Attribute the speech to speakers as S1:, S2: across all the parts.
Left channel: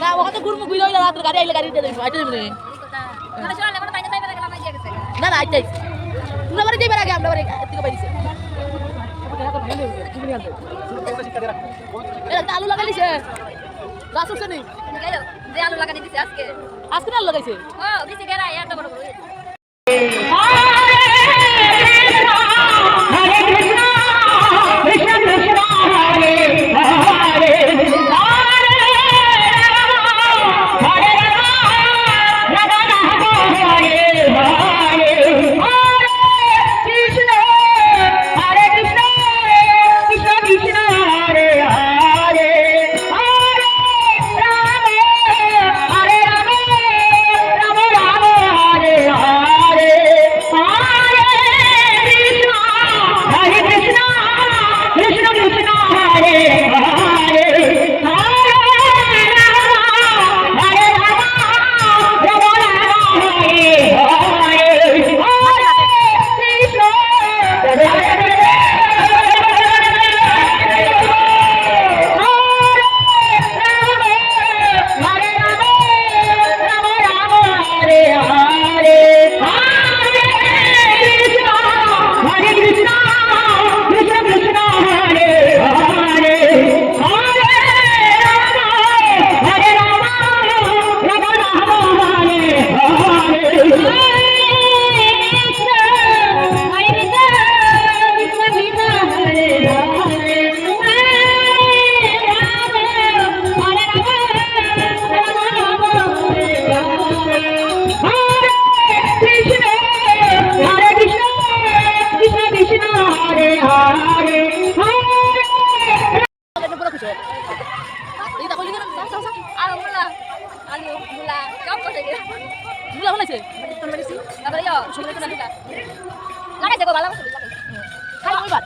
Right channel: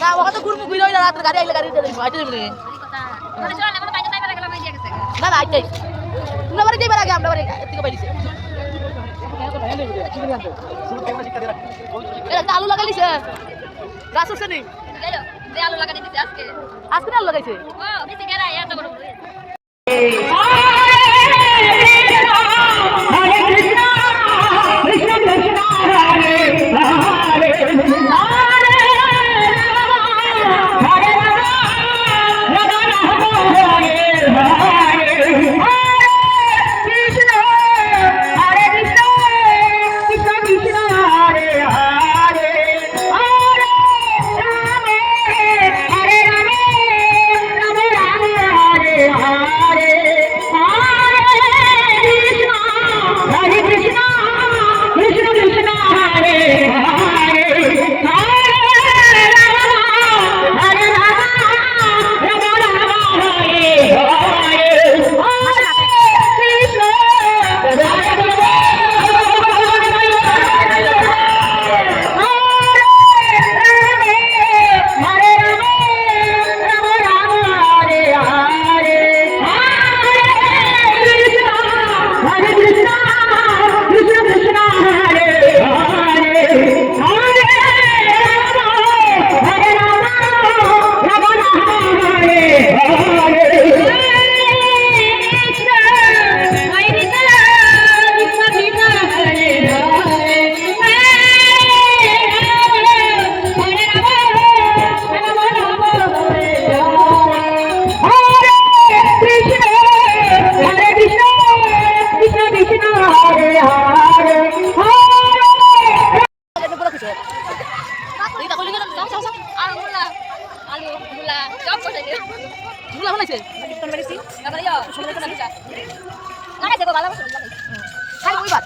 S1: না
S2: ওখানে তো ঘুরবো ঘুরে হইলে রাত্রে গাড়ি আইলে গাড়ি দিয়ে দেবো আইতে দেবো না না আইতে তোমরা বাড়ি যাইবার আগে আমরা বাড়ি থেকে এটা আলু লাগাইলিস গাছ উঠছে নি আজকে আলু লাগাইছে ওইবার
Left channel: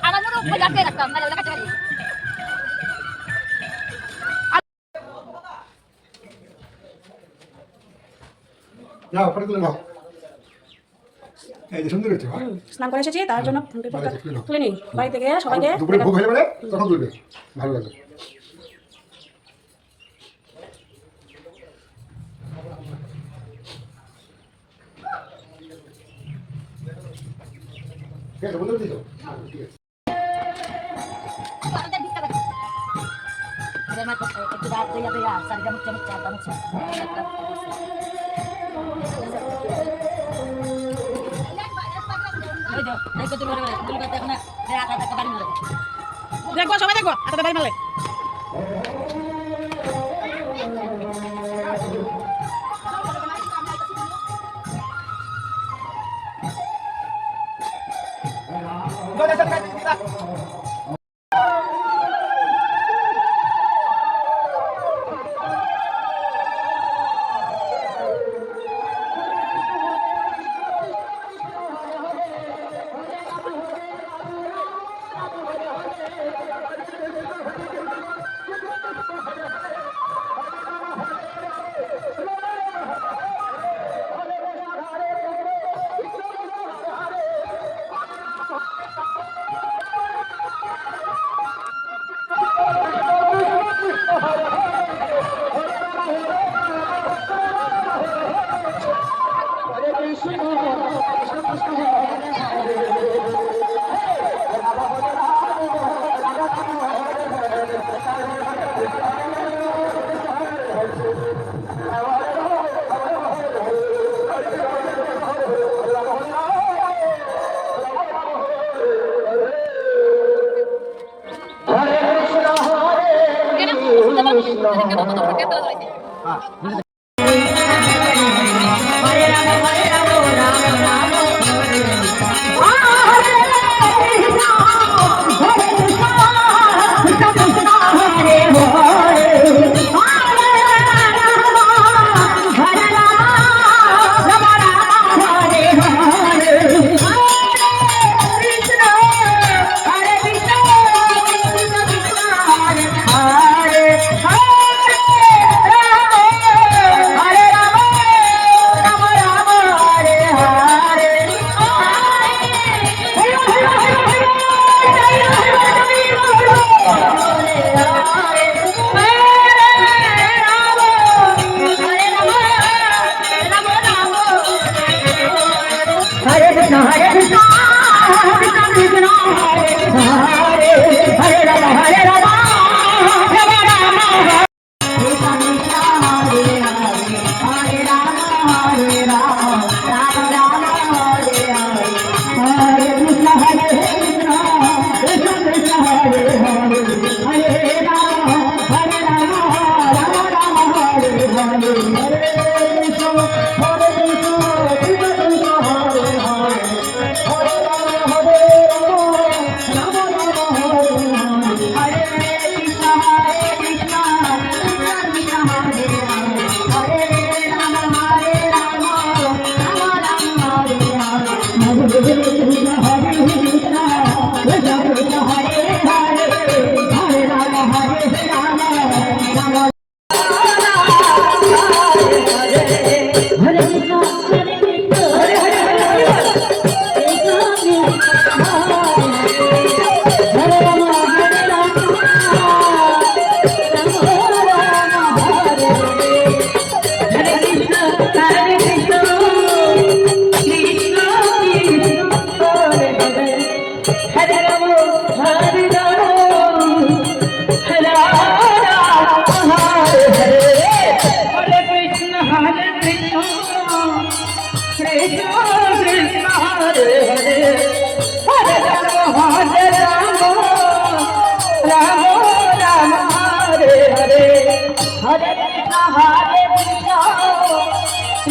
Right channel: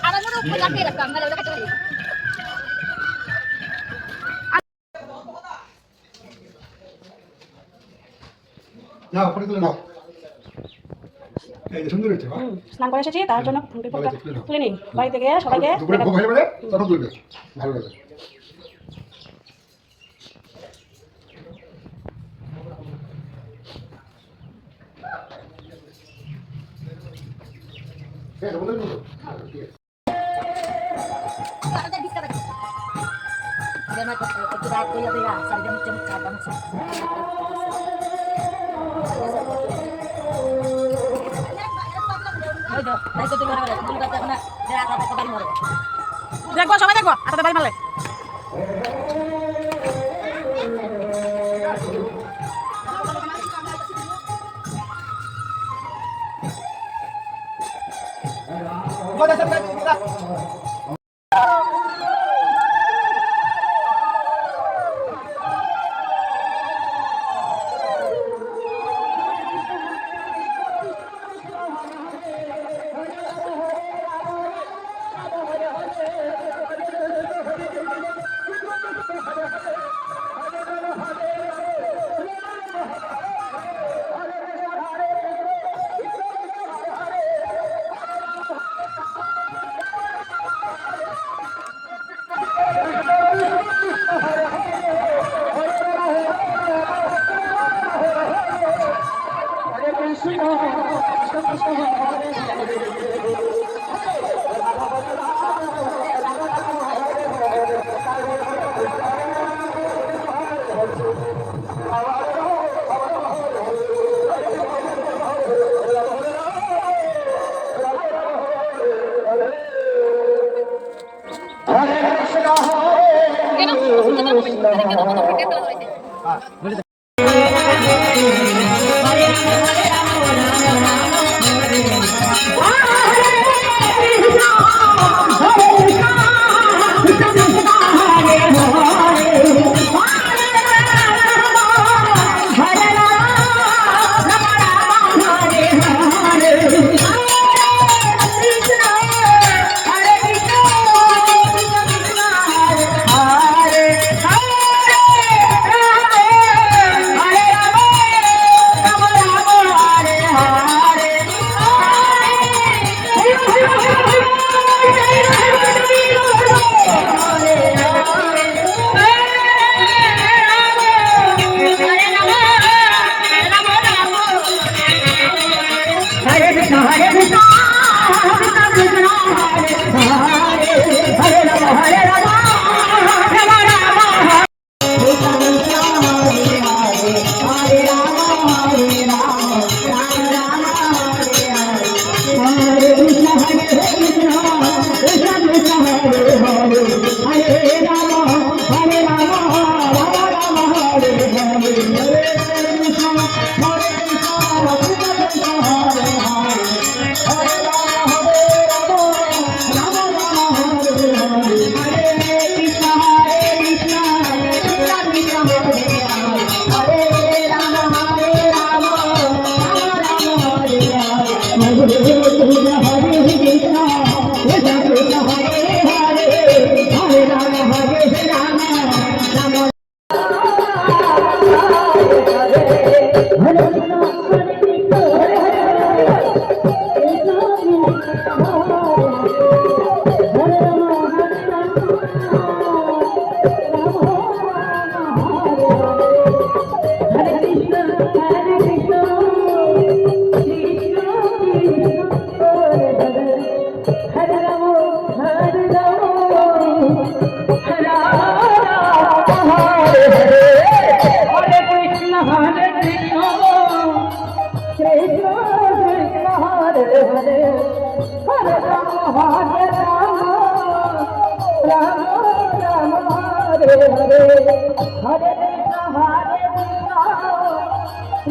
S3: নাও ওপরে তুলে নাও। সুন্দর হচ্ছে
S4: স্নান করে এসেছি তার জন্য তুলে নিই বাড়ি থেকে সবাইকে
S3: দুপুরে ভোগ হয়ে তখন তুলবে। ভালো লাগবে
S4: দেখব সবাই দেখব। হাতে বাড়ি মারলে।
S2: Beli.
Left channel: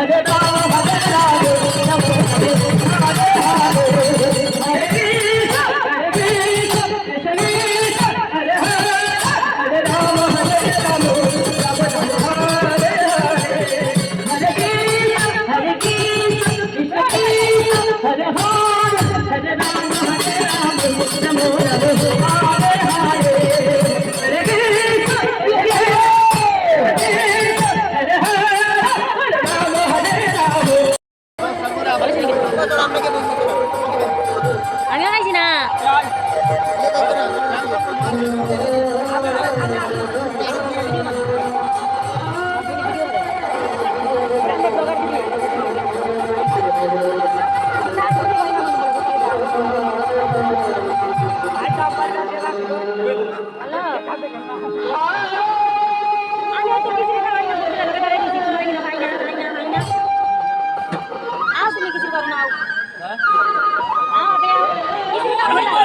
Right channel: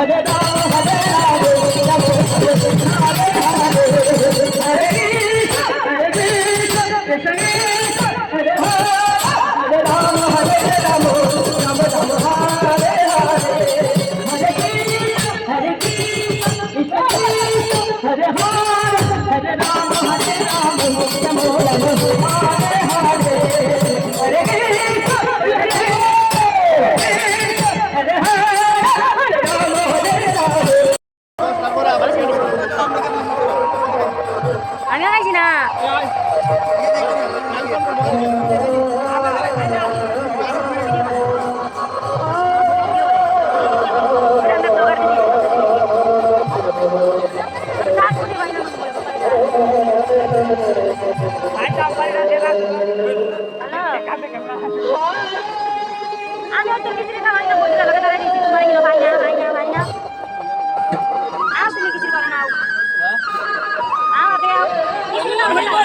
S2: हरे राम
S1: কিছু করো না আও আও আও কিছু না